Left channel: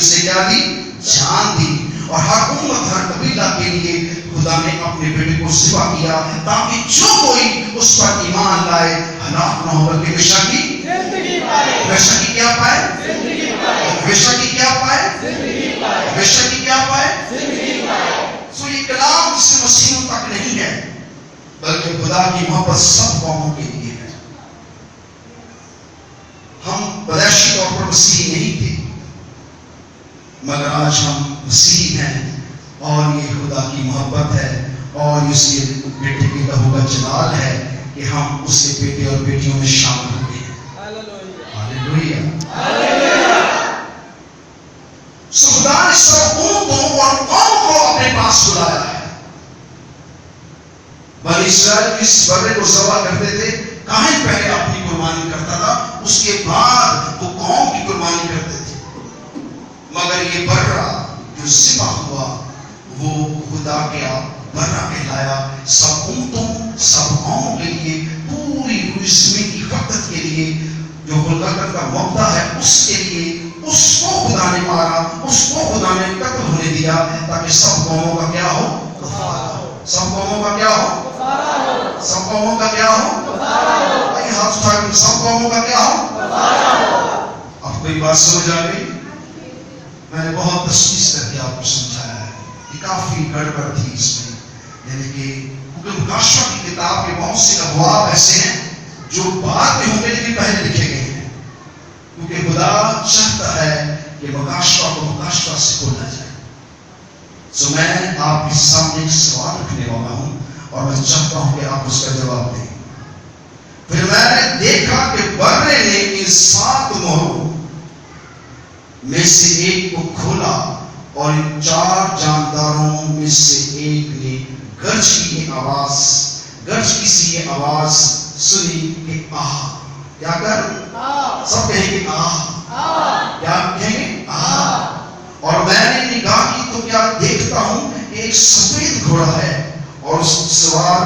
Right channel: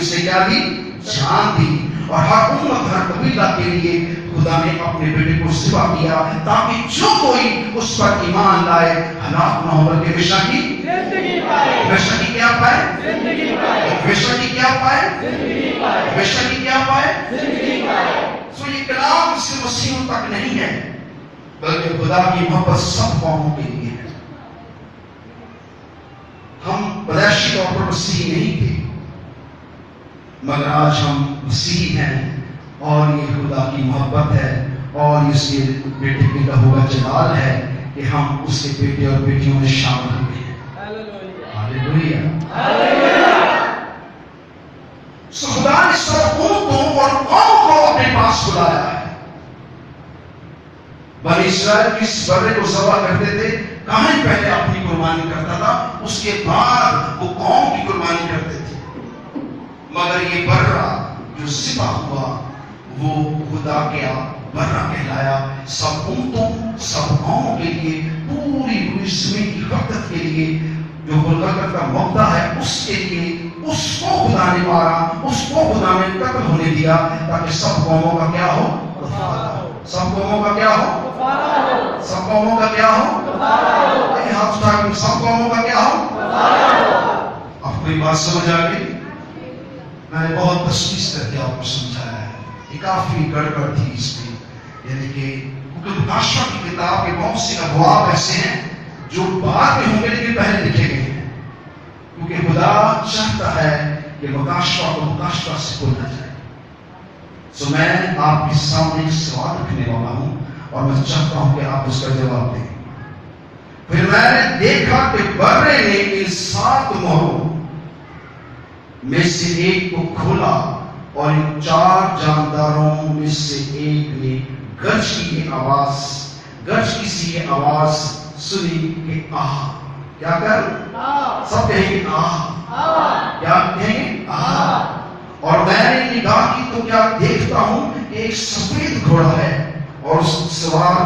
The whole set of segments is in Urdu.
اسے کیا دی؟ جان دی. اور ہر امت ہر قبیلہ کے لیے خدا نے اپنے بیٹے کو ذبح کیا تاکہ جو کوئی اس پر ایمان لائے ہلاک نہ ہو بلکہ ہمیشہ کی زندگی پائے. ہمیشہ کی کیا پائے؟ زندگی پائے. ہمیشہ کی کیا پائے؟ زندگی پائے. ہمیشہ کی کیا پائے؟ زندگی پائے. سو یہ کلام صرف مسیحیوں تک نہیں ہے بلکہ خدا کی محبت سب قوموں کے لیے ہے. ہم پیدائشی طور پر مسیحی نہیں تھے مگر آج ہم مسیحی ہیں اور یہ خدا کی محبت ہے اور اس کے بیٹے کے لہو کا جلال ہے کہ ہم اس کے بیٹے اور بیٹیوں میں شامل ہو گئے ہیں. ہاللیلویا. سو خدا نے سب امتوں اور قوموں کو اپنے پاس بلایا ہے. بنی اسرائیل اس بکرے کو ذبح کرتے تھے. کاہن پہلے اپنی قربانی کرتا تھا اس کے بعد وہ قوم کی قربانی کرتے تھے. مگر یہ برا جو ذبح ہوا وہ خدا کا برا کہلایا. سب امتوں سب قوموں کے لیے پوری زمین کی خطت کے لیے جو گلگتہ کا موقع ہے اس کے لیے اس کو خدا نے مارا, اس کو خدا نے قتل ہونے دیا تاکہ سب قوموں کا کیا ہو؟ کفارہ ہو. سب قوموں کا کیا ہو؟ کفارہ ہو. سب قوموں کا کیا ہو؟ کفارہ ہو. آئیے ہاتھ اٹھا کے سب قوموں کا کیا ہو؟ کفارہ ہو. آپ کو یہ بات سمجھ آ گئی؟ میں نے بہت تشخیص کر کے آپ کو سمجھایا ہے. یہ کافی گڑبڑ تھی اس میں, یعنی کہ مکاشفہ کی کتاب کے بہت سے ابواب ایسے ہیں جو بعد میں ہوں گے لیکن پہلے لکھے گئے ہیں کیونکہ خدا چاہتا ہے کہ مکاشفہ کو مکاشفہ سے کھولنا جائے. سو میں آپ کے سامنے ایک سوال رکھنے والا ہوں اور میں چاہتا ہوں کہ آپ اس کا جواب دیں. پھر میں نے دیکھا کہ برے نے ان 7 مہروں میں سے ایک کو کھولا اور ان 4 جانداروں میں سے ایک نے گرج کی سی یہ آواز سنی کہ آہ. کیا کر؟ سب کہیں گے آہ. کیا کہیں گے؟ آہ. اور میں نے نگاہ کی تو کیا دیکھتا ہوں ایک سفید گھوڑا ہے اور اس سوار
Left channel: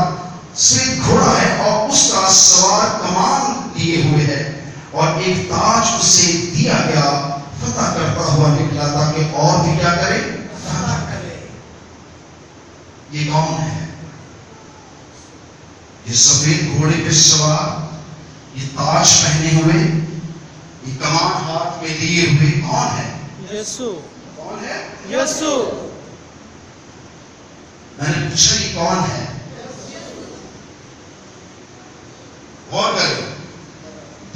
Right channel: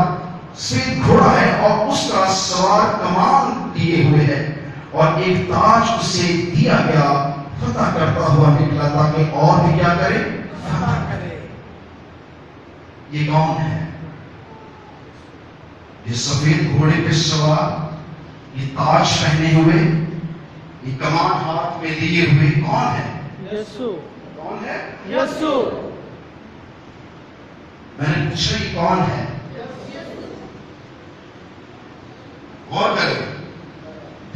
سفید گھوڑا ہے اور اس کا سوار کمان لیے ہوئے ہے اور ایک تاج اسے دیا گیا. فتح کرتا ہوا نکلا تاکہ اور بھی کیا کرے؟ فتح کرے. یہ کون ہے؟ یہ سفید گھوڑے پہ سوار, یہ تاج پہنے ہوئے, یہ کمان ہاتھ میں لیے ہوئے کون ہے؟ یسوع. کون ہے؟ یسوع. میں نے پوچھا یہ کون ہے؟ غور کریں,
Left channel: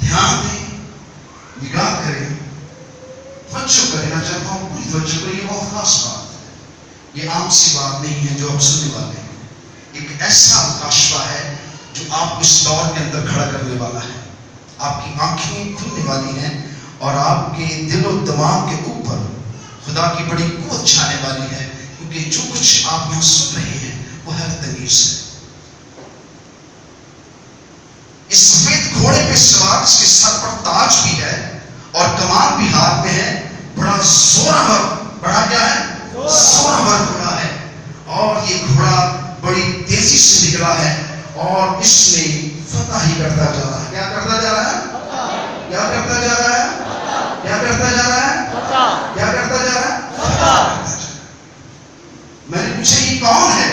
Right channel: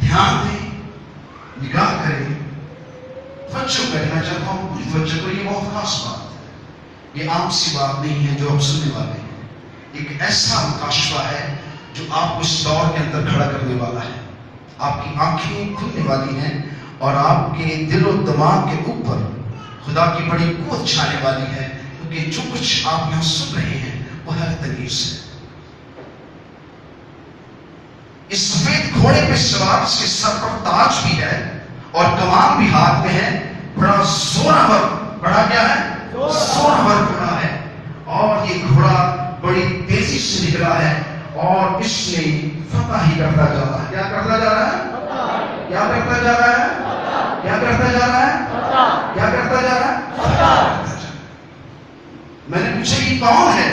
دھیان دیں, نگاہ کریں, توجہ کرنا چاہتا ہوں پوری توجہ کو. یہ بہت خاص بات ہے, یہ عام سی بات نہیں ہے جو آپ سننے والے ہیں. ایک ایسا مکاشفہ ہے جو آپ کو اس دور کے اندر کھڑا کرنے والا ہے. آپ کی آنکھیں کھلنے والی ہیں اور آپ کے دل و دماغ کے اوپر خدا کی بڑی قوت چھانے والی ہے کیونکہ جو کچھ آپ یہاں سن رہے ہیں وہ حیرت انگیز ہے. اس سفید گھوڑے پہ سوار اس کے سر پر تاج بھی ہے اور کمان بھی ہاتھ میں ہے. بڑا زورآور, بڑا کیا ہے؟ زورآور گھوڑا ہے اور یہ گھوڑا بڑی تیزی سے نکلا ہے اور اس نے فتح ہی کرتا جا رہا ہے. کیا کرتا جا رہا ہے؟ کیا کرتا جا رہا ہے؟ کیا کرتا جا رہا ہے؟ کیا کرتا جا رہا ہے؟ میں نے پوچھا یہ کون ہے؟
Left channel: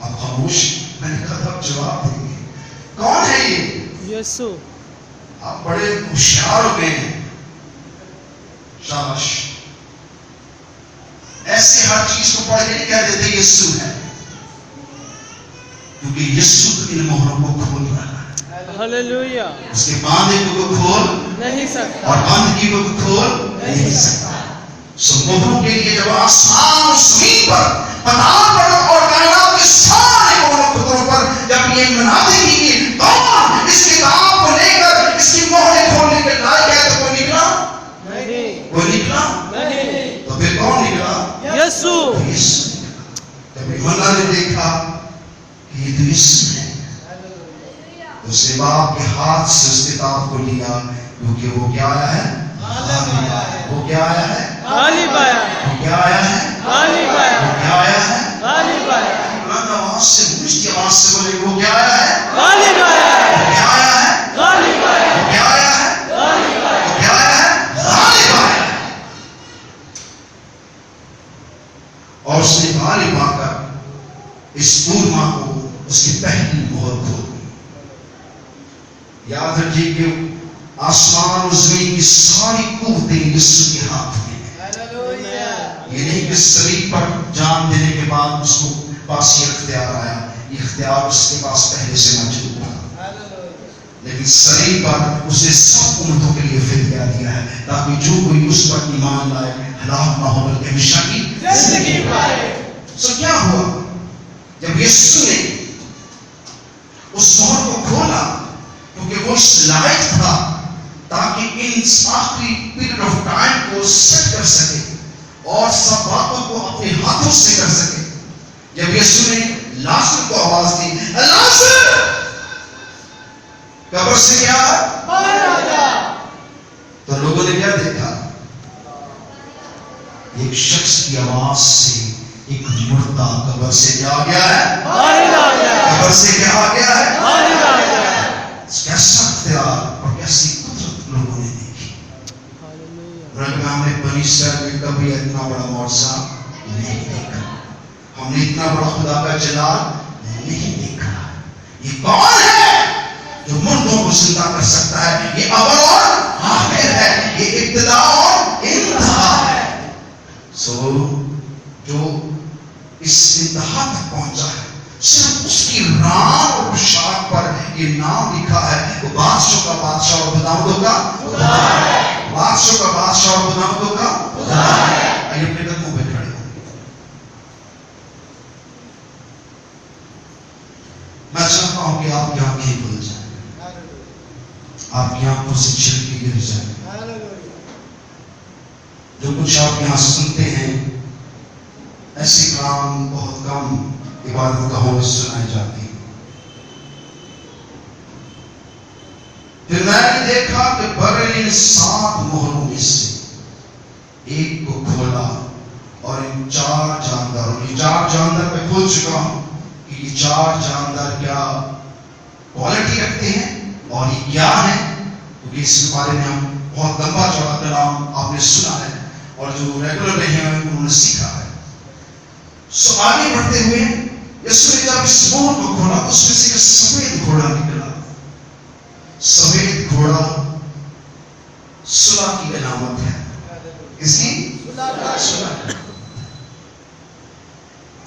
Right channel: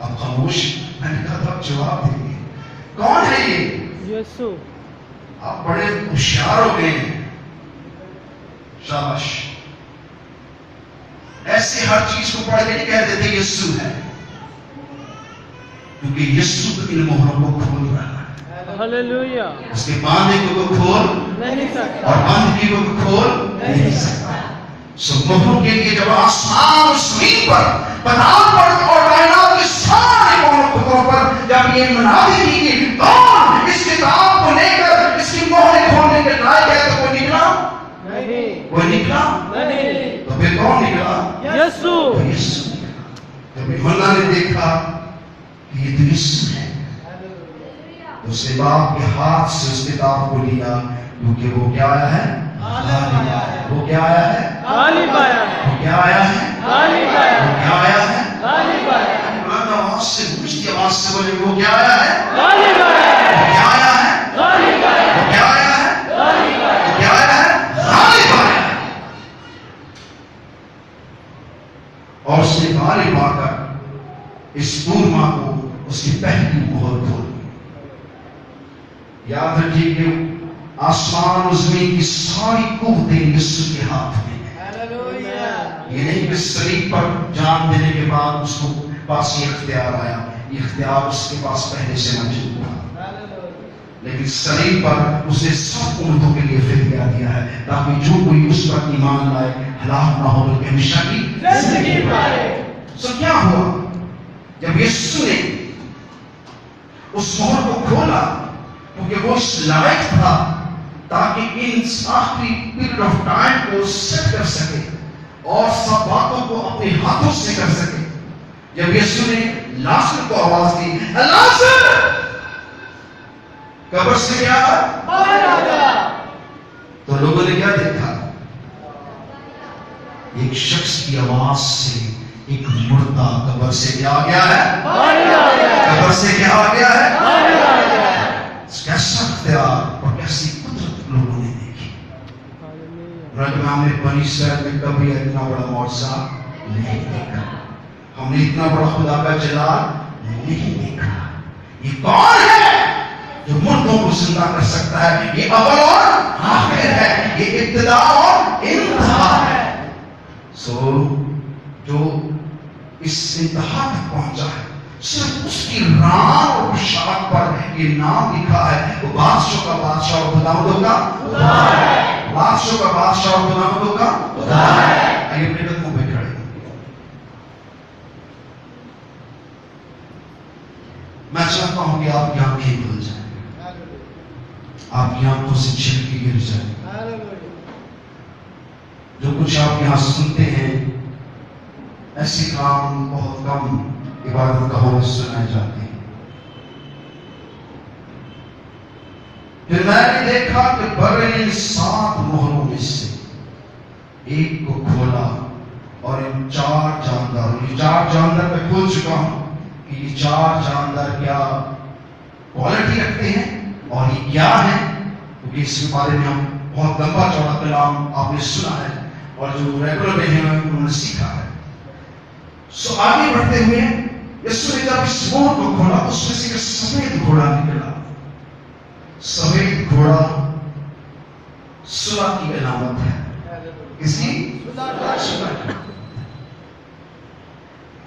اب خاموش. میں نے کہا اب جواب دیں گے. کون ہے یہ؟ یسوع. آپ بڑے ہوشیار ہو گئے ہیں. شاباش. ایسے ہر چیز کو پڑھ کے نہیں کہہ دیتے یسوع ہے کیونکہ یسوع ان مہروں کو کھول رہا ہے. ہلیلویا. اس کے باندھے کو کھول نہیں سکتا اور باندھگی کو کھول نہیں سکتا. سو مہروں کے لیے جب آسمان اور زمین پر پتھر پر اور کائنات کے سارے کونے خطوں پر جب یہ منادی کی کہ کون اس کتاب کو لے کر اس کی مہریں کھولنے کے لائق ہے تو کوئی نکلا نہیں. کوئی نکلا نہیں. تو پھر کون نکلا؟ یسوع. جب یوحنا نے دیکھا کہ یہ تو یسوع ہے تو اس نے باپ کے ہاتھ سے اس کتاب کو لیا کیونکہ وہ کیا آیا ہے؟ غالب آیا ہے. وہ کیا آیا ہے؟ غالب آیا ہے. وہ کیا آیا ہے؟ غالب آیا وہ ہے. کیا آیا ہے؟ غالب آیا ہے. بلند آواز سے اونچی آواز سے بولے وہ کیا آیا ہے؟ غالب آیا ہے. وہ کیا آیا ہے؟ غالب آیا ہے. وہ کیا آیا ہے؟ غالب آیا ہے. وہ کیا آیا ہے؟ غالب اس دورما کو اس کی پہلی مہر کھول دی. یاد رکھیے کہ آسمان اور زمین کی ساری قوتیں یسوع کے ہاتھ میں ہیں. یہ نہیں کہ صلیب پر جان دینے کے بعد اس کو پاس یہ اختیار آیا. یہ اختیار اس کے پاس پہلے سے موجود تھا، لیکن صلیب پر اس نے سب امتوں کے لیے فدیہ دیا ہے تاکہ جو کوئی اس پر ایمان لائے ہلاک نہ ہو بلکہ ہمیشہ کی زندگی پائے. سو کیا ہوا جب یسوع نے اس مہر کو کھولا؟ کیونکہ وہ اس لائق تھا تاکہ ان آخری پیریڈ آف ٹائم کو سیٹ کر سکے اور سب باتوں کو اپنے ہاتھوں سے کر سکے. جب یسوع نے لازر کو آواز دی، لازر قبر سے کیا باہر آ جا، تو لوگوں نے کیا دیکھا؟ ایک شخص کی آواز سے ایک مردہ قبر سے کیا آ گیا ہے؟ باہر آ گیا. قبر سے کیا آ گیا ہے؟ باہر آ گیا. کیسا اختیار اور کیسی قدرت لوگوں نے دیکھی. ہم نے بنی اسرائیل میں کبھی اتنا بڑا معجزہ نہیں دیکھا. ہم نے اتنا بڑا خدا کا جلال نہیں دیکھا. یہ کون ہے جو مردوں کو زندہ کر سکتا ہے؟ یہ اول اور آخر ہے، یہ ابتدا اور انتہا ہے. جو اس انتہا تک پہنچا ہے، صرف اس کی رام اور پوشاک پر یہ نام لکھا ہے، وہ بادشاہ کا بادشاہ اور خداوندوں کا خدا ہے. بادشاہ کا بادشاہ اور خداوندوں کا خدا ہے. آئیے اپنے قدموں پہ کھڑے ہیں. میں چاہتا ہوں کہ آپ کی آنکھیں کھل جائیں، آپ کی آنکھوں سے چھلکے گر جائیں. جو کچھ آپ یہاں سنتے ہیں ایسی کام بہت کم عبادت گاہوں میں سنائے جاتے ہیں. پھر میں نے دیکھا کہ برے 7 مہروں میں سے ایک کو کھولا اور ان 4 جانداروں، یہ 4 جاندار میں کھول چکا ہوں کہ یہ 4 جاندار کیا کوالٹی رکھتے ہیں اور یہ کیا ہے، کیونکہ اس کے بارے میں ہم بہت لمبا چوڑا کلام آپ نے سنا ہے اور جو ریگولر رہے ہیں انہوں نے سیکھا ہے. سو آگے بڑھتے ہوئے یسوع نے جب اس مہر کو کھولا اس میں سے ایک سفید گھوڑا نکلا. سفید گھوڑا صلح کی علامت ہے. کس کی؟ صلح.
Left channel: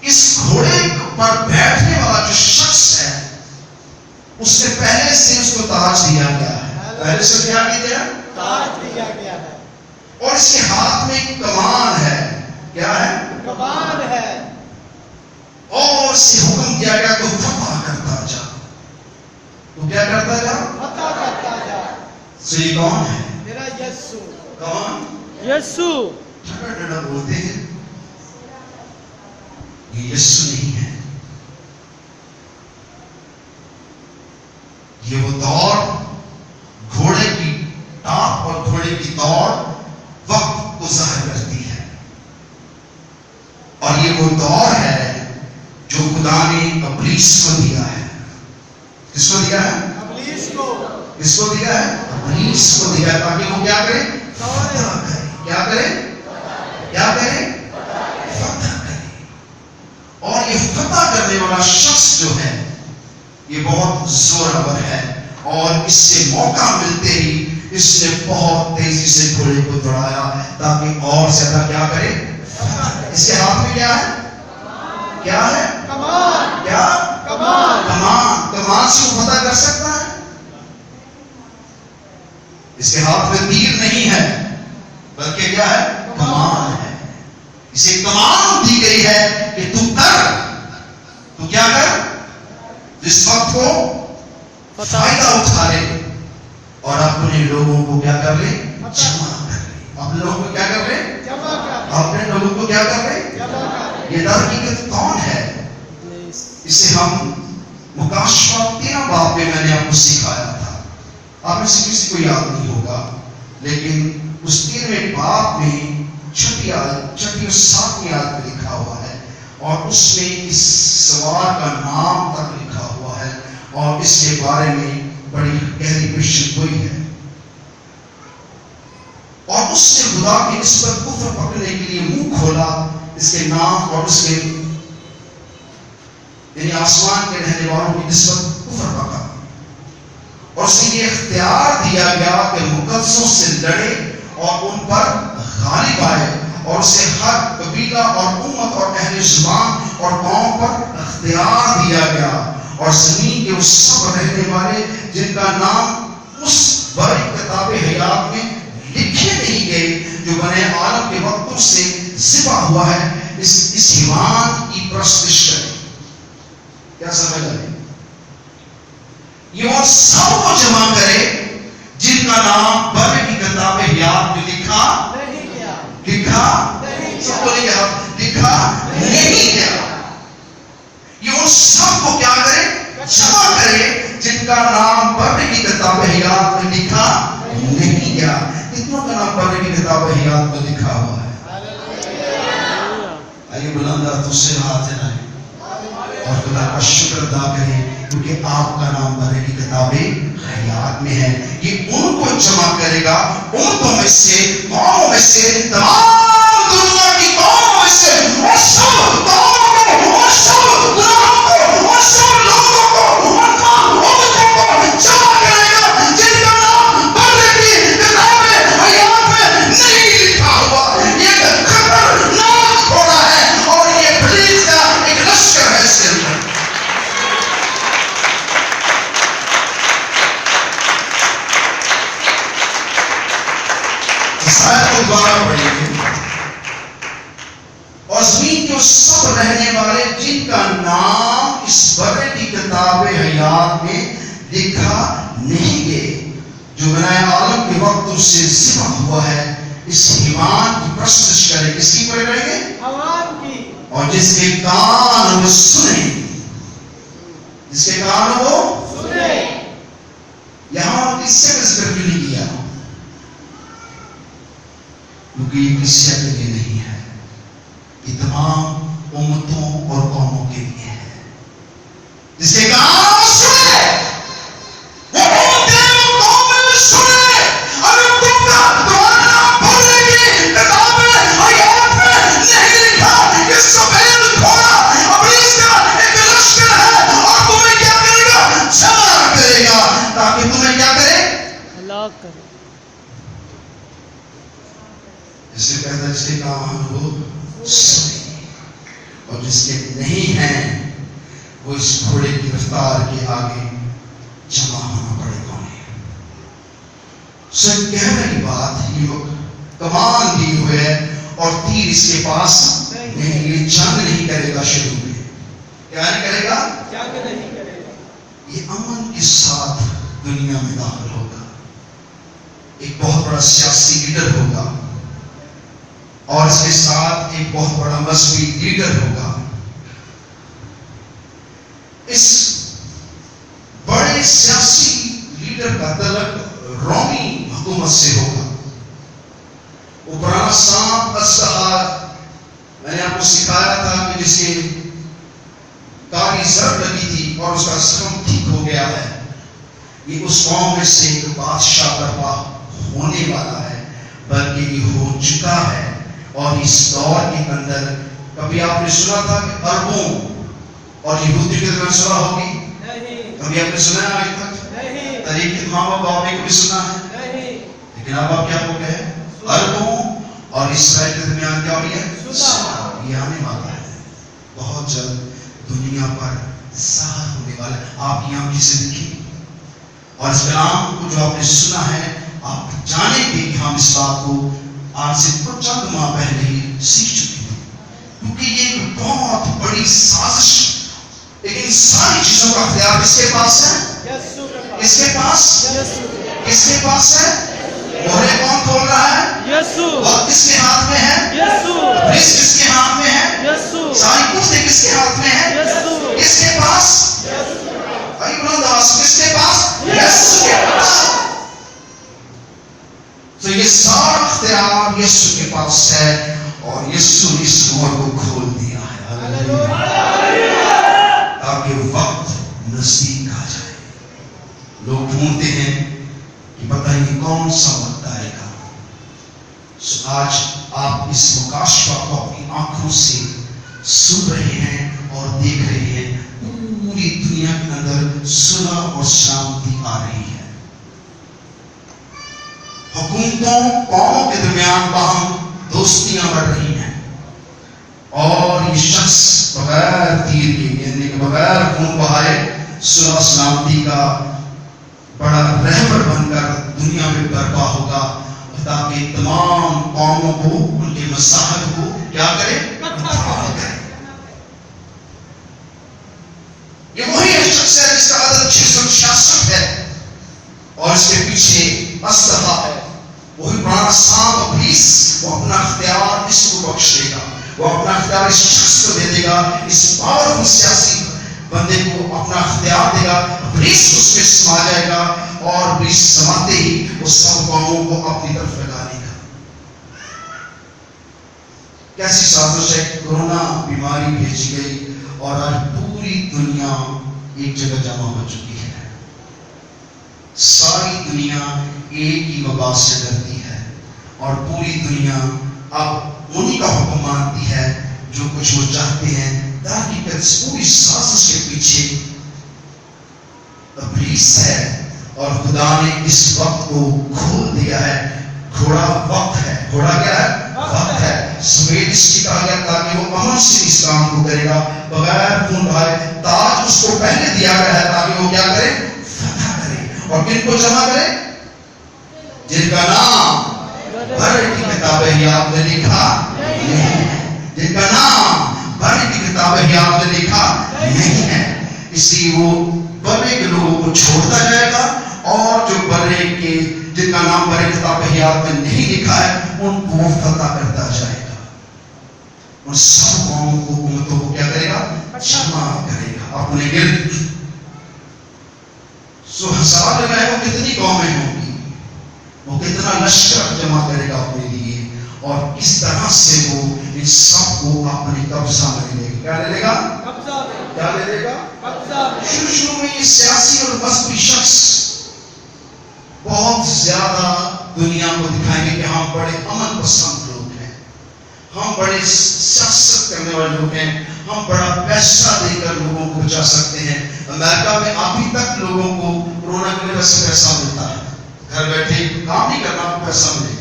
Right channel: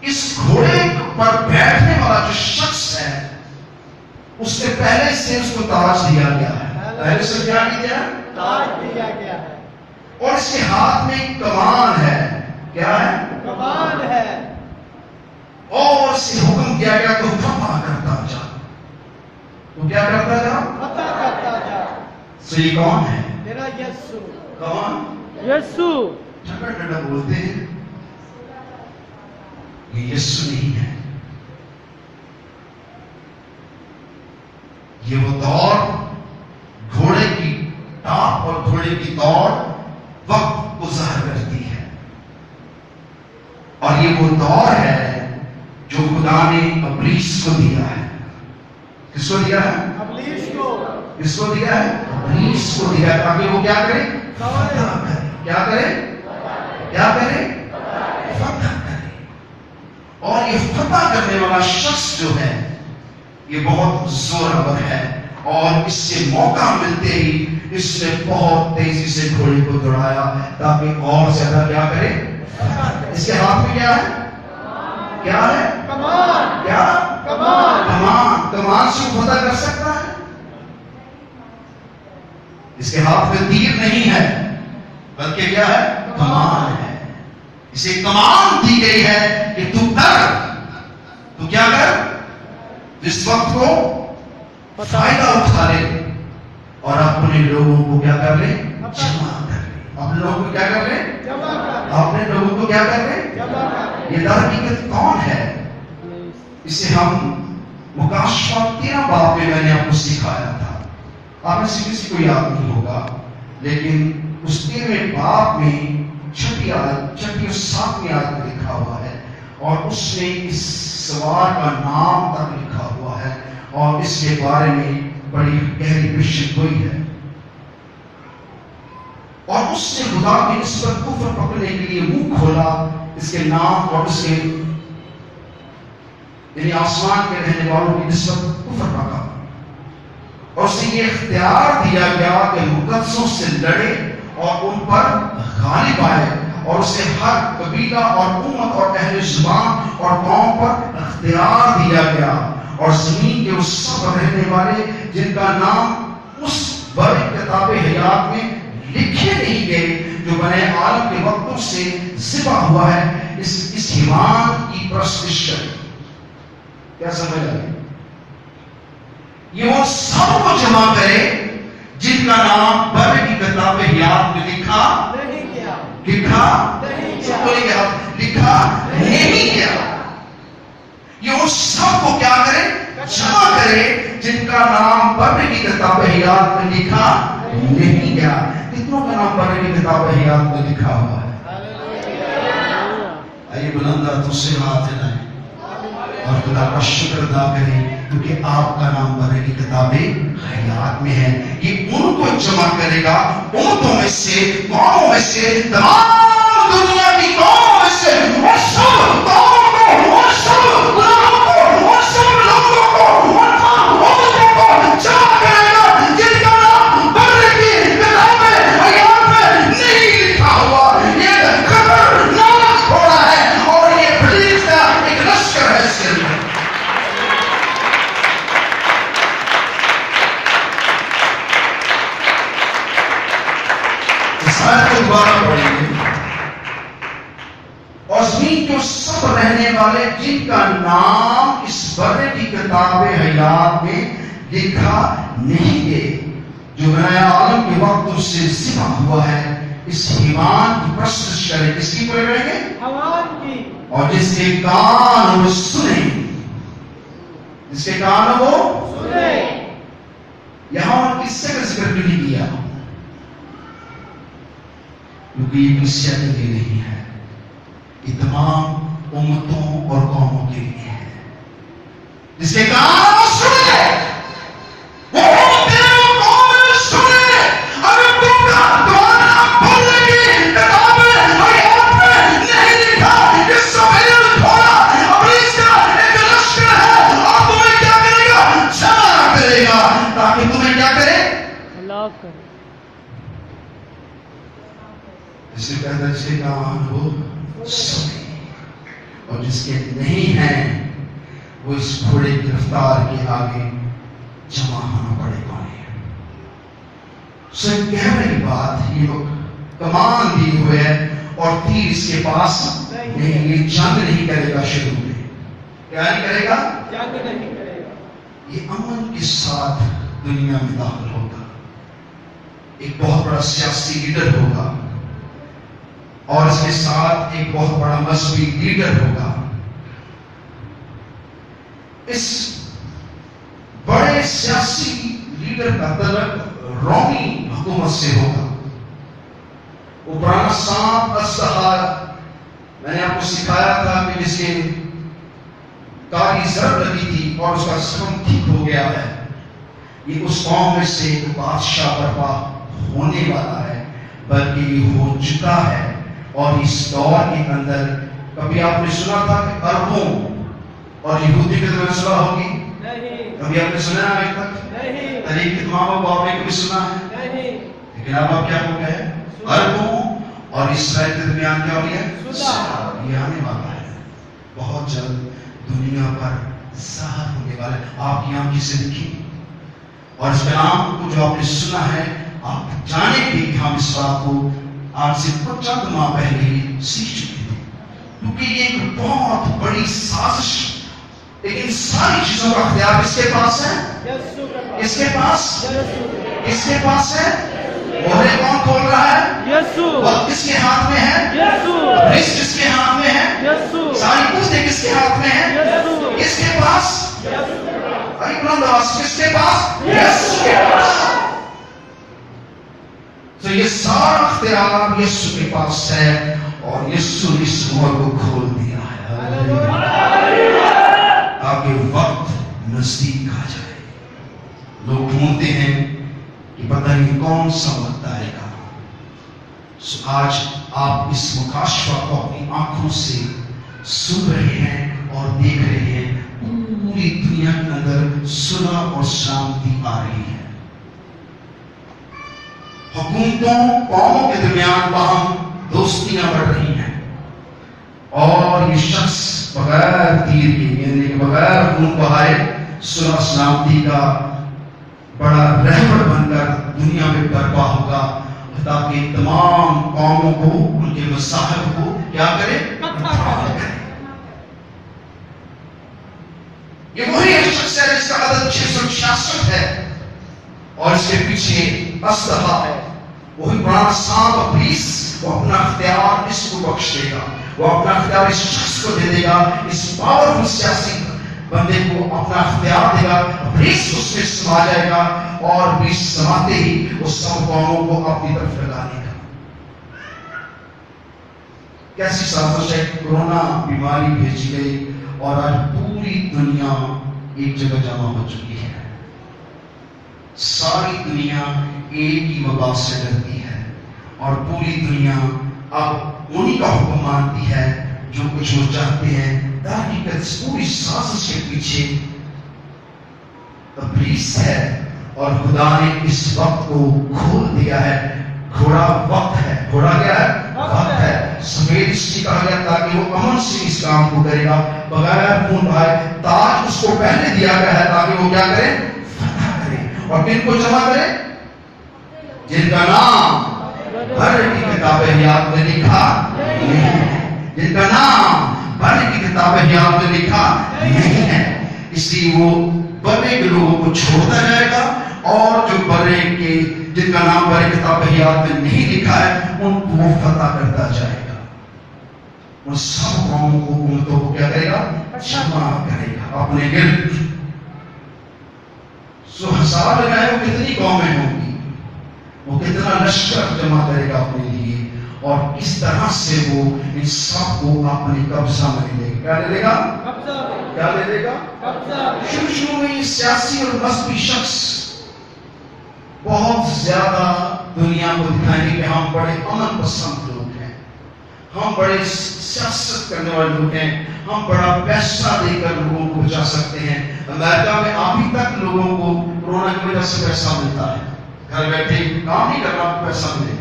اس گھوڑے پر بیٹھنے والا جو شخص ہے اس سے پہلے سے اس کو تاج دیا گیا ہے. پہلے سے کیا دیا؟ تاج دیا گیا ہے. اور اس کے ہاتھ میں ایک کمان ہے. کیا ہے؟ کمان ہے. اور اسے حکم دیا گیا تو فتح کرتا جا. تو کیا کرتا جا؟ فتح کرتا جا. سو یہ کون ہے؟ میرا یسوع. کون؟ یسوع. ٹھنڈا ٹھنڈا بولتے ہیں یہ یسوع نہیں ہے. یہ وہ دوڑ، گھوڑے کی ٹاپ اور گھوڑے کی دوڑ وقت کو ظاہر کرتی ہے، اور یہ وہ دوڑ ہے جو خدا نے ابلیس کو دیا ہے. کس کو دیا ہے؟ ابلیس کو. کس کو دیا ہے؟ ابلیس کو دیا ہے تاکہ وہ کیا کرے؟ فتح کرے. کیا کرے؟ کیا کرے؟ فتح کرے. اور یہ فتح کرنے والا شخص جو ہے یہ بہت زورور ہے، اور اس سے موقع ملتے ہی اس نے بہت تیزی سے گھوڑے کو دوڑایا تاکہ اور زیادہ کیا کرے؟ اس کے ہاتھ میں کیا ہے؟ کیا ہے؟ کمان. کیا؟ کمان. کمان. کمان سے وہ فتح کر سکتا ہے؟ اس کے ہاتھ میں تیر نہیں ہے بلکہ کیا ہے؟ کمان ہے. اسے کمان دی گئی ہے کہ تو کر. تو کیا کر؟ اس وقت کو فائدہ اٹھا لے اور اپنے لوگوں کو کیا کر لے؟ جمع کر لے. اپنے لوگوں کو کیا کر لے؟ اپنے لوگوں کو کیا کر لے؟ یہ حقیقت کون ہے؟ اسے ہم مکاشفہ 13 باب میں میں نے آپ کو سکھایا تھا. آپ میں سے کسی کو یاد نہیں ہوگا، لیکن اس 13ویں باب میں 6 اور 7ویں آیت میں لکھا ہوا ہے، اور اس میں اس سوار کا نام تک لکھا ہوا ہے اور اس کے بارے میں بڑی گہری پیشن گوئی ہے. اور اس نے خدا کی نسبت کفر پکڑنے کے لیے منہ کھولا. اس کے نام اور اس کے یعنی آسمان کے رہنے والوں کی نسبت کفر کا کام، اور اسے یہ اختیار دیا گیا کہ مقدسوں سے لڑے اور ان پر غالب آئے، اور اسے ہر قبیلہ اور امت اور اہل زبان اور قوم پر اختیار دیا گیا، اور زمین کے اس سب رہنے والے جن کا نام اس بڑی کتاب حیات میں لکھے نہیں گئے جو بنے عالم کے وقتوں سے ذبح ہوا ہے، اس حیوان کی پرستش کریں۔ کیا سمجھ آئے؟ یہ وہ سب کو جمع کرے جن کا نام بر کی کتاب حیات میں لکھا سب کو لکھا نہیں گیا۔ یہ وہ سب کو کیا کرے؟ جمع کرے جن کا نام بر کی کتاب حیات میں لکھا نہیں گیا۔ کتنوں کا نام بر کی کتاب حیات میں لکھا ہوا ہے؟ آئیے بلندہ تو سے ہاتھ ہے اور خدا کا شکر ادا کریں کیونکہ آپ کا نام بر کی کتاب حیات میں ہے۔ یہ ان کو جمع کرے گا، امتوں میں سے، قوموں میں سے، تمام دنیا کی قوموں میں سے، اور سب قوموں کو، اور سب غلاموں کو، اور سب لوگوں کو، اور تمام امتوں کو جمع کرے گا جن کا نام بر کی کتاب حیات میں نہیں لکھا ہوا۔ یہ خطرناک ہو رہا ہے اور یہ ابلیس کا ایک لشکر ہے اس کے اندر۔ دوبارہ پڑھیں گے، اور زمین کے سب رہنے والے جن کا نام اس بر کی کتاب حیات میں لکھا نہیں گئے جو بنائے عالم کے وقت سے ذبح ہوا ہے، اس حیوان کی پرستش کرے۔ کس کی پڑھ رہے ہیں؟ اور جس کے کان وہ سنیں، جس کے کان وہ سنیں۔ یہاں کس سے ذکر کیوں نہیں کیا؟ کیونکہ یہ کلیسیا کے لیے نہیں ہے، یہ تمام امتوں اور قوموں کے لیے ہے۔ جس کے کان سنے، وہ امتیں اور قومیں سنے۔ اگر تمہارا نام بر کی کتاب حیات میں نہیں لکھا، یہ سفید گھوڑا ابلیس کا ایک لشکر ہے، اور تمہیں کیا کرے گا؟ جمع کرے گا، تاکہ تمہیں کیا کرے؟ ہلاک کرے۔ اسے کہتا ہے جس کے کان ہو سنے، اور جس کے نہیں ہیں وہ اس گھوڑے کی رفتار کے آگے جمع ہونا پڑے گا۔ سن کہنے کی بات، یہ کمان دی ہوئے ہے اور تیر اس کے پاس نہیں، یہ جنگ نہیں کرے گا شروع میں۔ کیا نہیں کرے گا؟ یہ امن کے ساتھ دنیا میں داخل ہوگا، ایک بہت بڑا سیاسی لیڈر ہوگا، اور اس کے ساتھ ایک بہت بڑا مذہبی لیڈر ہوگا۔ اس بڑے سیاسی لیڈر کا تعلق رومی حکومت سے ہوگا۔ وہ پرانا سانپ اسلحہ میں نے آپ کو سکھایا تھا کہ جس کے کاری زر لگی تھی اور اس کا زخم ٹھیک ہو گیا ہے، یہ اس قوم میں سے ایک بادشاہ برپا ہونے والا ہے، بلکہ یہ ہو چکا ہے۔ اور اس دور کے اندر کبھی آپ نے سنا تھا کہ عربوں اور یہودی کی طرف سنا ہوگی؟ کبھی آپ نے سنا ہے آج تک؟ تاریخ کے ماں باپ نے کبھی سنا ہے؟ لیکن اب آپ کیا ہو گئے؟ عربوں اور اسرائیل کے درمیان کیا ہو گیا؟ یہ آنے والا ہے، بہت جلد دنیا پر ظاہر ہونے والا ہے۔ آپ کی آنکھیں سے دیکھیں، اور اس کلام کو جو آپ نے سنا ہے، آپ جانیں گے کہ ہم اس بات کو آج سے کچھ چند ماہ پہلے ہی سیکھ چکے ہیں، کیونکہ یہ ایک بہت بڑی سازش، لیکن ساری چیزوں کا اختیار اس کے پاس ہے، اس کے پاس، اس کے پاس ہے۔ مہرے کون کھول رہا ہے؟ یسوع۔ وقت کس کے ہاتھ میں ہے؟ یسوع۔ رزق کس کے ہاتھ میں ہے؟ یسوع۔ ساری قوتیں کس کے ہاتھ میں ہے؟ یسوع۔ کس کے پاس؟ آئی بلند آواز، کس کے پاس؟ یسوع کے پاس۔ تو یہ سارا اختیار یسوع کے پاس ہے، اور یسوع اس مہر کو کھول دیا ہے تاکہ وقت نزدیک آ جائے۔ لوگ ڈھونڈتے ہیں کہ پتہ نہیں کون سا وقت آئے گا۔ آج آپ اس مکاشفہ کو اپنی آنکھوں سے سن رہے ہیں اور دیکھ رہے ہیں، پوری دنیا کے اندر صلح اور شانتی آ رہی ہے. حکومتوں قوموں کے درمیان باہم دوستیاں بڑھ رہی ہیں اور یہ شخص بغیر تیر کے یعنی کہ بغیر خون بہائے صلح شانتی کا بڑا رہبر بن کر دنیا میں برپا ہوگا تاکہ تمام قوموں کو ان کے مذاہب کو کیا کرے؟ حل کرے. یہ وہی شخص ہے جس کا عدد 666 ہے اور اس کے پیچھے اسلحہ ہے. وہی پرانا سانپ ابلیس وہ اپنا اختیار اس کو بخش دے گا, وہ اپنا اختیار اس شخص کو دے دے گا, اس پاورفل سیاسی بندے کو اپنا اختیار دے گا. ابلیس اس میں سما جائے گا اور ابلیس سماتے ہی وہ سب قوموں کو اپنی طرف لگا لے گا. کیسی سازش ہے؟ کورونا بیماری بھیجی گئی اور آج پوری دنیا ایک جگہ جمع ہو چکی ہے. ساری دنیا ایک ہی وبا سے ڈرتی ہے اور پوری دنیا اب انہی کا حکم مانتی ہے جو کچھ وہ چاہتے ہیں. تحقیقت اس پوری سازش کے پیچھے ابلیس ہے اور خدا نے اس وقت کو کھول دیا ہے. گھوڑا وقت ہے. گھوڑا کیا ہے؟ وقت ہے. سفید اس کی کہا گیا تاکہ وہ امن سے اس کام کو کرے گا بغیر خون بہائے. تاج اس کو پہلے دیا گیا ہے تاکہ وہ کیا کرے؟ فتح کرے. اور کن کو جمع کرے؟ جن کا نام بھر کی کتاب حیات میں لکھا نہیں ہے. جن کا نام بھر کی کتاب حیات میں لکھا نہیں ہے. اسی وہ برے کے لوگوں کو چھوڑتا جائے گا اور جو برے کے جن کا نام برے کتاب حیات میں نہیں لکھا ہے ان کو وہ فتح کرتا جائے گا. ان سب قوموں کو امتوں کو کیا کرے گا؟ جمع کرے گا اپنے گرد. سو حساب لگائے وہ کتنی قومیں ہوں گی, وہ کتنا لشکر جمع کرے گا اپنے لیے اور کس طرح سے وہ ان سب کو اپنے قبضہ میں لے گا. کیا لے لے گا؟ کیا لے لے گا؟ شروع میں یہ سیاسی اور مذہبی شخص بہت زیادہ دنیا کو دکھائیں گے کہ ہم بڑے امن پسند لوگ ہیں, ہم بڑے سیاست کرنے والے لوگ ہیں, ہم بڑا پیسہ دے کر لوگوں کو بچا سکتے ہیں. امریکہ میں ابھی تک لوگوں کو کورونا کی وجہ سے پیسہ ملتا ہے. گھر بیٹھے کام نہیں کرنا پیسہ ملے گا.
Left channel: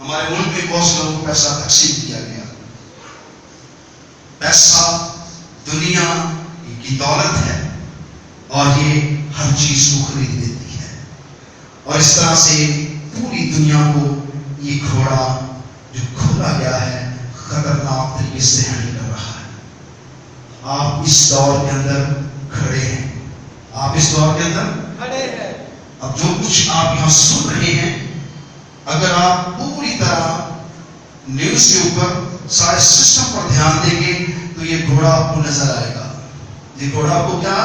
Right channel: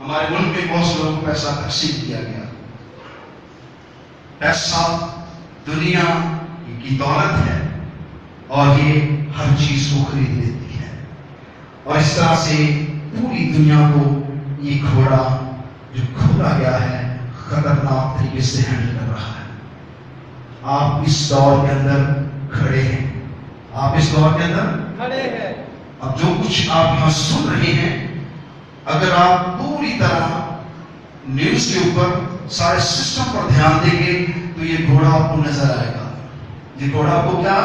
ہمارے ملک میں بہت سے لوگوں کو پیسہ تقسیم کیا گیا. پیسہ دنیا کی دولت ہے اور یہ ہر چیز کو خرید دیتی ہے اور اس طرح سے پوری دنیا کو یہ گھوڑا جو کھولا گیا ہے خطرناک طریقے سے ہینڈل کر رہا ہے. آپ اس دور کے اندر کھڑے ہیں, آپ اس دور کے اندر کھڑے ہیں. اب جو کچھ آپ یہاں سن رہے ہیں اگر آپ پوری طرح نیوز کے اوپر سارے سسٹم پر دھیان دیں گے تو یہ گھوڑا آپ کو نظر آئے گا. یہ گھوڑا آپ کو کیا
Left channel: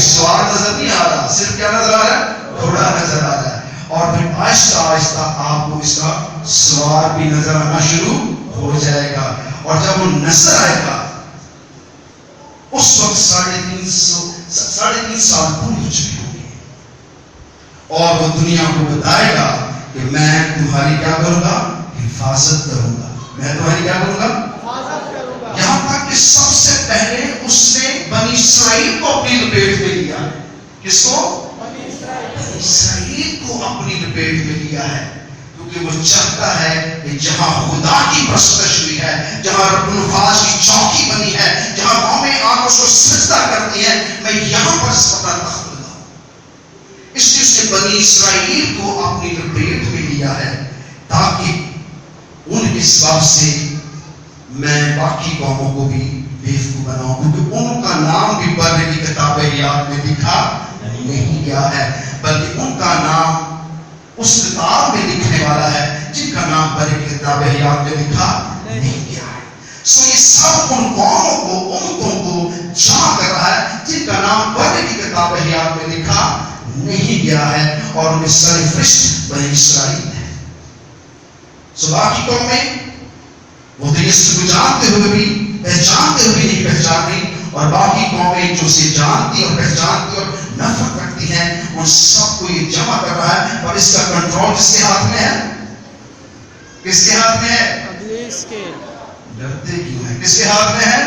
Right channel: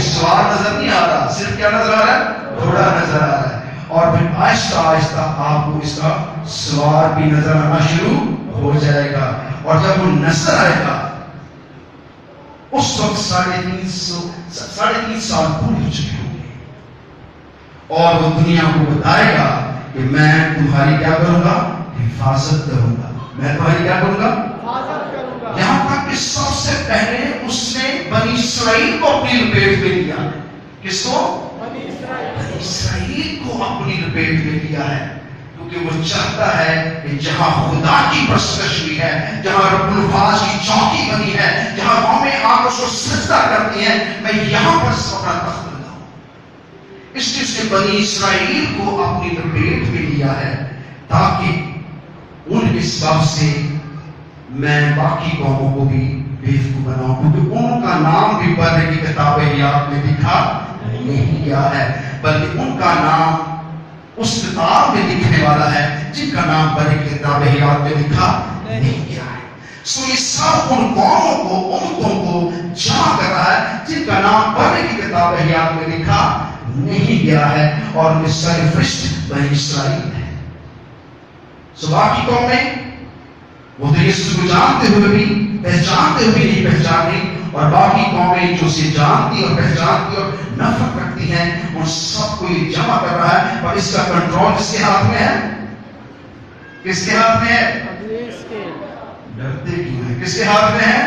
سوار نظر نہیں آ رہا, صرف کیا نظر آ رہا ہے؟ گھوڑا نظر آ رہا ہے. اور پھر آہستہ آہستہ آپ کو اس کا سوار بھی نظر آنا شروع ہو جائے گا اور جب وہ نظر آئے گا اس وقت 3.5 سال پورے ہو چکے ہوں گے اور وہ دنیا کو بتائے گا کہ میں تمہاری کیا کروں گا؟ حفاظت کروں گا. میں تمہاری کیا کروں گا؟ یہاں تک کہ سب سے پہلے اس نے بنی اسرائیل کو اپنی لپیٹ میں لیا. کس کو؟ بنی اسرائیل کو اپنی لپیٹ میں لیا ہے کیونکہ وہ چاہتا ہے کہ جہاں خدا کی پرستش ہوئی ہے, جہاں رب الفاظ کی چوکی بنی ہے, جہاں قومیں آگ اس کو سجدہ کرتی ہیں, میں یہاں پر اپنا تخت لگاؤں. اس لیے اس نے بنی اسرائیل کو اپنی لپیٹ میں لیا ہے تاکہ ان کے سبب سے میں باقی قوموں کو بھی بیوقوف بناؤں, کیونکہ ان کا نام بھی برے کی کتاب حیات میں لکھا نہیں گیا ہے بلکہ ان کا نام اس کتاب میں لکھنے والا ہے جن کا نام برے کی کتاب حیات میں لکھا نہیں گیا ہے. سو یہ سب ان قوموں کو امتوں کو جمع کر رہا ہے جن کا نام برے کی کتاب حیات میں لکھا نہیں گیا ہے اور ان میں سرفرشت بنی اسرائیل ہے. سو باقی قومیں وہ تو یسوع کو جانتے ہوئے بھی پہچانتے ہوئے نہیں پہچانتی اور باقی قومیں جو اسے جانتی اور پہچانتی اور نفرت کرتی ہیں ان سب کو یہ جمع کر رہا ہے. اور اس کا کنٹرول کس کے ہاتھ میں ہے؟ کس کے ہاتھ میں ہے؟ ڈرتے کیوں ہیں؟ کس کے ہاتھ میں ہے؟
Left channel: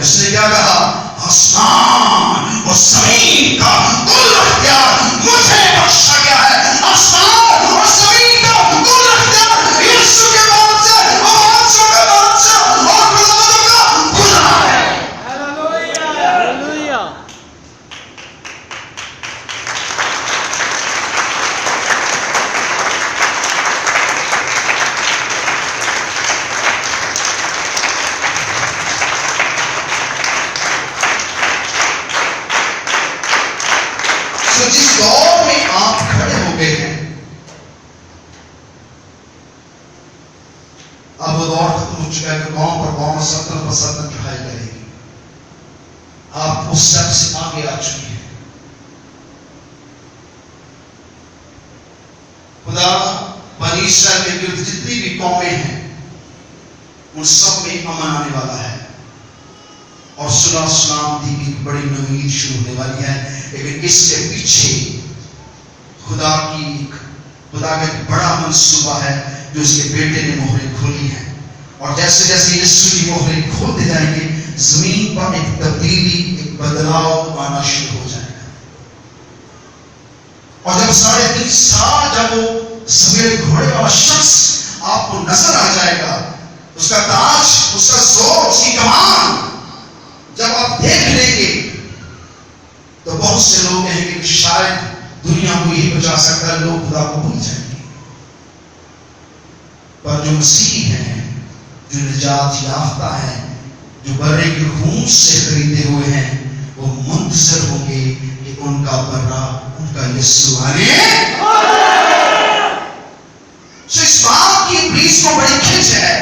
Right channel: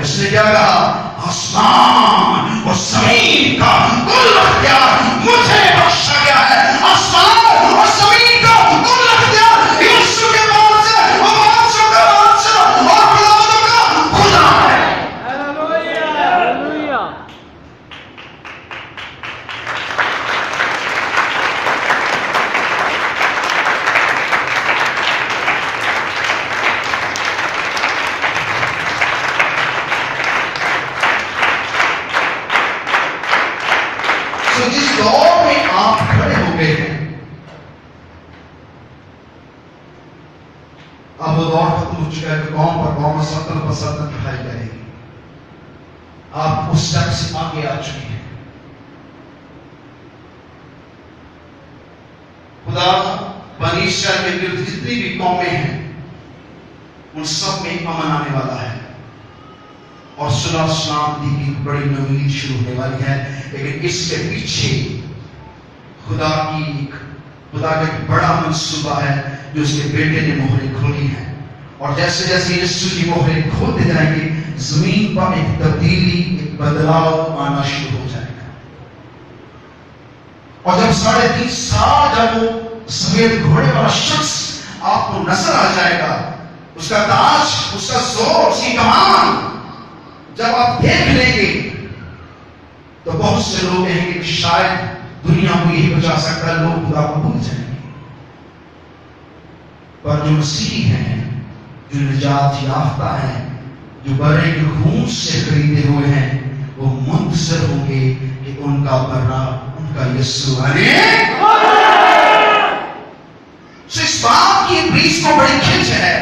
اس نے کیا کہا؟ آسمان اور زمین کا کل اختیار مجھے بخشا گیا ہے. آسمان اور زمین کا کل اختیار یسوع کے موت سے اور بادشاہوں کا بادشاہ اور خداوندوں کا خدا ہے. ہاللویا. تو جس دور میں آپ کھڑے ہو گئے ہیں، اب وہ دور ختم ہو چکا ہے کہ قوم پر قوم، سلطنت پر سلطنت اٹھائی جائے گی. آپ اس شک سے آگے آ چکے ہیں. خدا بنی اسرائیل کے گرد جتنی بھی قومیں ہیں ان سب میں امن آنے والا ہے اور صلح و سلامتی کی بڑی نوید شروع ہونے والی ہے. لیکن اس کے پیچھے خدا کا ایک بڑا منصوبہ ہے جو اس کے بیٹے نے مہریں کھولی ہیں. اور جیسے جیسے یسوع کی مہریں کھولتے جائیں گے، زمین پر ایک تبدیلی، ایک بدلاؤ آنا شروع ہو جائے گا. اور جب 3.5 سال جب وہ سفید گھوڑے والا شخص آپ کو نظر آ جائے گا، اس کا تاج، اس کا زور، اس کی کمان جب آپ دیکھ لیں گے تو بہت سے لوگ کہیں گے کہ شاید دنیا کو یہی بچا سکتا ہے، لوگ خدا کو بھول جائیں گے. پر جو مسیح ہیں، جو نجات یافتہ ہیں، جو برے کے خون سے خریدے ہوئے ہیں، وہ منتظر ہوں گے کہ ان کا برا، ان کا یسوع آنے. اس بات کی ابلیس کو بڑی کھچ ہے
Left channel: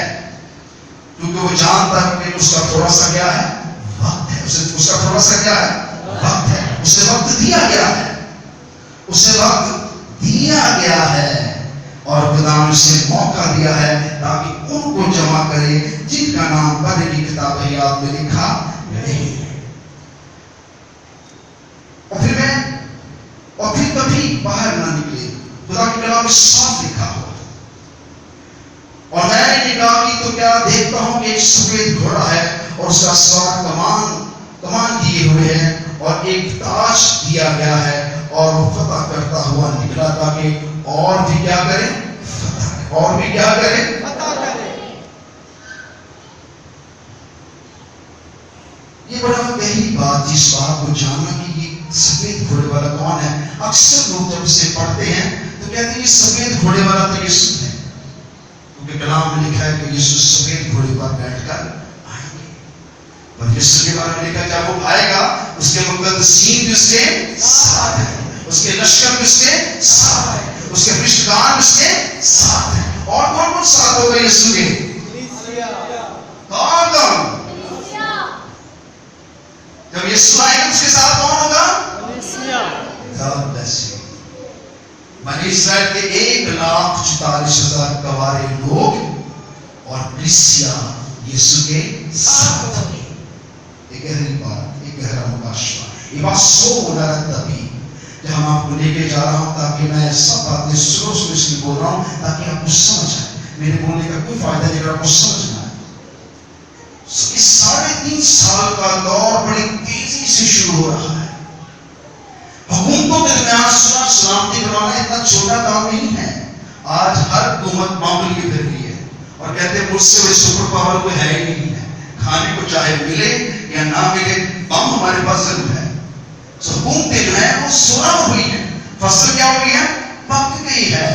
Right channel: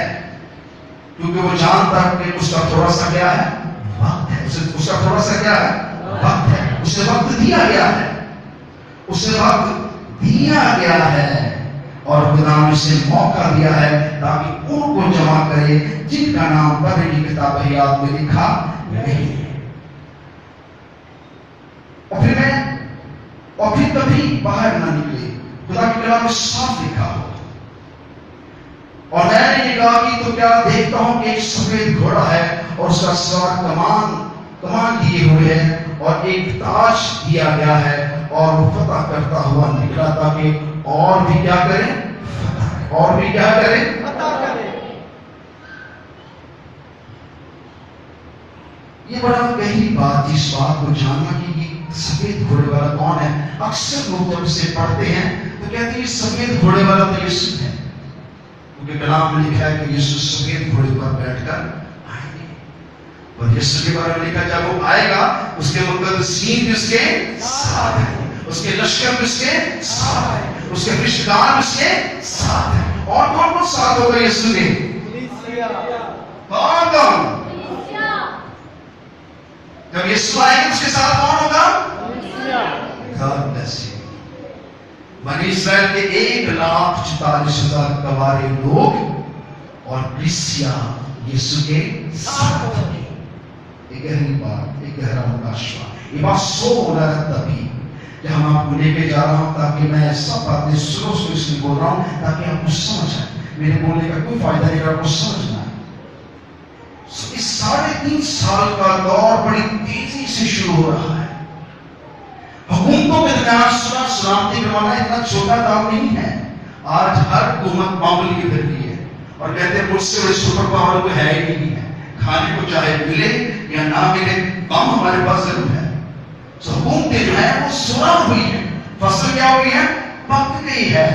کیونکہ وہ جانتا ہے کہ اس کا تھوڑا سا کیا ہے؟ وقت ہے. اس کا تھوڑا سا کیا ہے؟ وقت ہے. اسے وقت دیا گیا ہے، اسے وقت دیا گیا ہے اور خدا نے اسے موقع دیا ہے تاکہ ان کو جمع کرے جن کا نام پڑھنے کی کتاب حیات میں لکھا نہیں. اور پھر کبھی باہر نہ نکلے. خدا کی کلام میں صاف لکھا ہو. اور میں نے نگاہ کی تو کیا دیکھتا ہوں کہ ایک سفید گھوڑا ہے اور اس کا سوار کمان کیے ہوئے ہیں اور ایک تاج دیا گیا ہے اور وہ فتح کرتا ہوا نکلا تاکہ اور بھی کیا کرے؟ فتح. اور بھی کیا کرے؟ فتح کرے. یہ بڑا گہری بات، جس بات کو جاننا کہ یہ سفید گھوڑے والا کون ہے. اکثر لوگ جب اسے پڑھتے ہیں تو کہتے ہیں یہ سفید گھوڑے والا تو یسوع ہے، کیونکہ کلام میں لکھا ہے کہ یسوع سفید گھوڑے پر بیٹھ کر آئیں گے. اور یسوع کے بارے میں لکھا جب وہ آئے گا اس کے مقدسین بھی اس کے ساتھ ہیں، اس کے لشکر بھی اس کے ساتھ ہیں، اس کے فرشتگان اس کے ساتھ ہیں. اور کون کون ساتھ ہوگا یسوع کے؟ کون؟ جب یسوع آئے گا اس کے ساتھ کون ہوگا؟ بنی اسرائیل کے 1,44,000 گوارے لوگ اور کلیسیا یسوع کے ساتھ ہوگی. ایک گہری بات، ایک گہرا مکاشفہ. یہ بات سو ہونا رہتا بھی کہ ہم آپ کو لے کے جا رہا ہوں تاکہ میں سب باتیں سلو اس لیے بول رہا ہوں تاکہ آپ کو سمجھ آئے. میرے بولنے کا کوئی فائدہ نہیں، اگر آپ کو سمجھنا ہے. اس 3.5 سال کا دور بڑی تیزی سے شروع ہو رہا ہے. حکومتوں کے درمیان صلح سلامتی کروانا اتنا چھوٹا کام نہیں ہے. آج ہر حکومت معمول کی پھر رہی ہے اور کہتے ہیں مجھ سے وہ سپر پاور کوئی ہے ہی نہیں ہے. کھانے کو چاہے ملے یا نہ ملے، بم ہمارے پاس ضرور ہے. حکومتیں جو ہے وہ صلح ہوئی ہے. فصل کیا ہوئی ہے؟ پک گئی ہے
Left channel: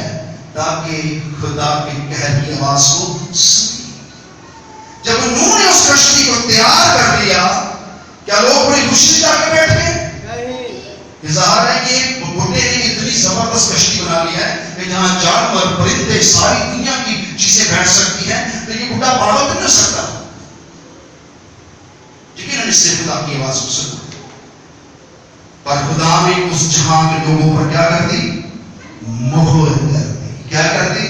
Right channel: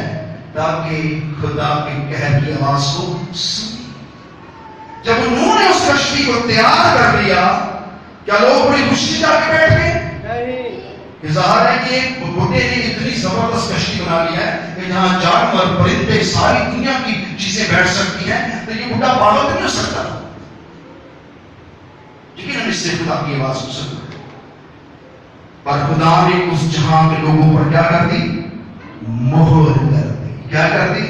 تاکہ خدا کے قہر کی آواز کو سنی. جب انہوں نے اس کشتی کو تیار کر لیا، کیا لوگ بڑی خوشی جا کے بیٹھ گئے؟ ظاہر ہے کہ بھٹے نے اتنی زبردست کشتی بنا لی ہے کہ جہاں جانور، پرندے، ساری دنیا کی چیزیں بیٹھ سکتی ہیں، تو یہ بھٹا پاگل نہیں ہو سکتا. لیکن اس سے خدا کی آواز کو سنا. پر خدا نے اس جہاں کے لوگوں پر کیا کر دی؟ مہر کر دی. کیا کر دی؟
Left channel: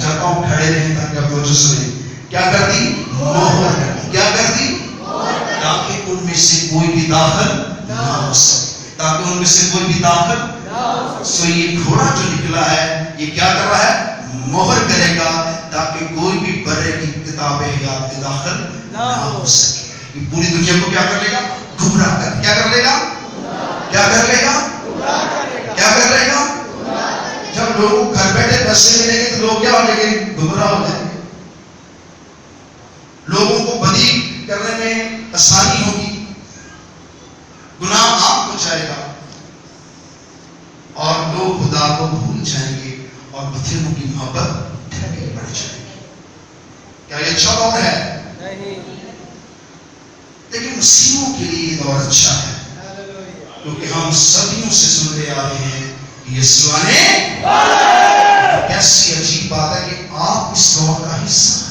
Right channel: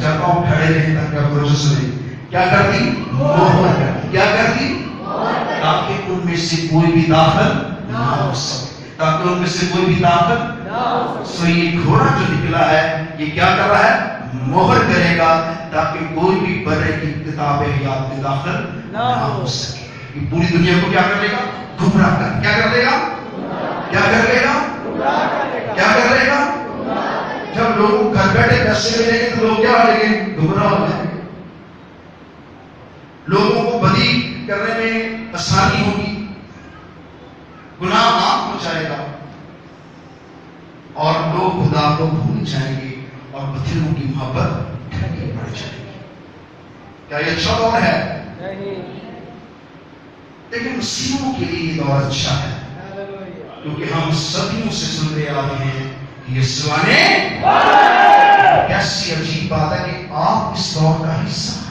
چاہتا ہوں کھڑے رہیں تاکہ آپ توجہ سنیں. کیا کر دی؟ مہر کر دی. کیا کر دی؟ تاکہ ان میں سے کوئی بھی داخل نہ ہو سکے. تاکہ ان میں سے کوئی بھی داخل نہ ہو سکے. یہ گھوڑا جو نکلا ہے یہ کیا کر رہا ہے؟ مہر کرے گا تاکہ کوئی بھی برے کی کتاب حیات میں داخل نہ ہو سکے. کہ پوری دنیا کو کیا کر لے گا؟ گمراہ کر کیا کر لے گا؟ کیا کر لے گا؟ کیا کر لے گا؟ جب لوگ گھر بیٹھے پیسے ملیں گے تو لوگ کیا ہو جائیں گے؟ گمراہ ہو جائیں گے. لوگوں کو بدی کرنے میں آسانی ہوگی، گناہ عام ہو جائے گا اور لوگ خدا کو بھول جائیں گے اور بتیروں کی محبت ڈھکے بڑھ جائے گی. کیا یہ اچھا دور ہے؟ لیکن مسیحوں کے لیے یہ دور اچھا ہے، کیونکہ ہم صدیوں سے سنتے آ رہے ہیں کہ یسوع نے، کیسی عجیب بات ہے کہ آپ اس دور کا حصہ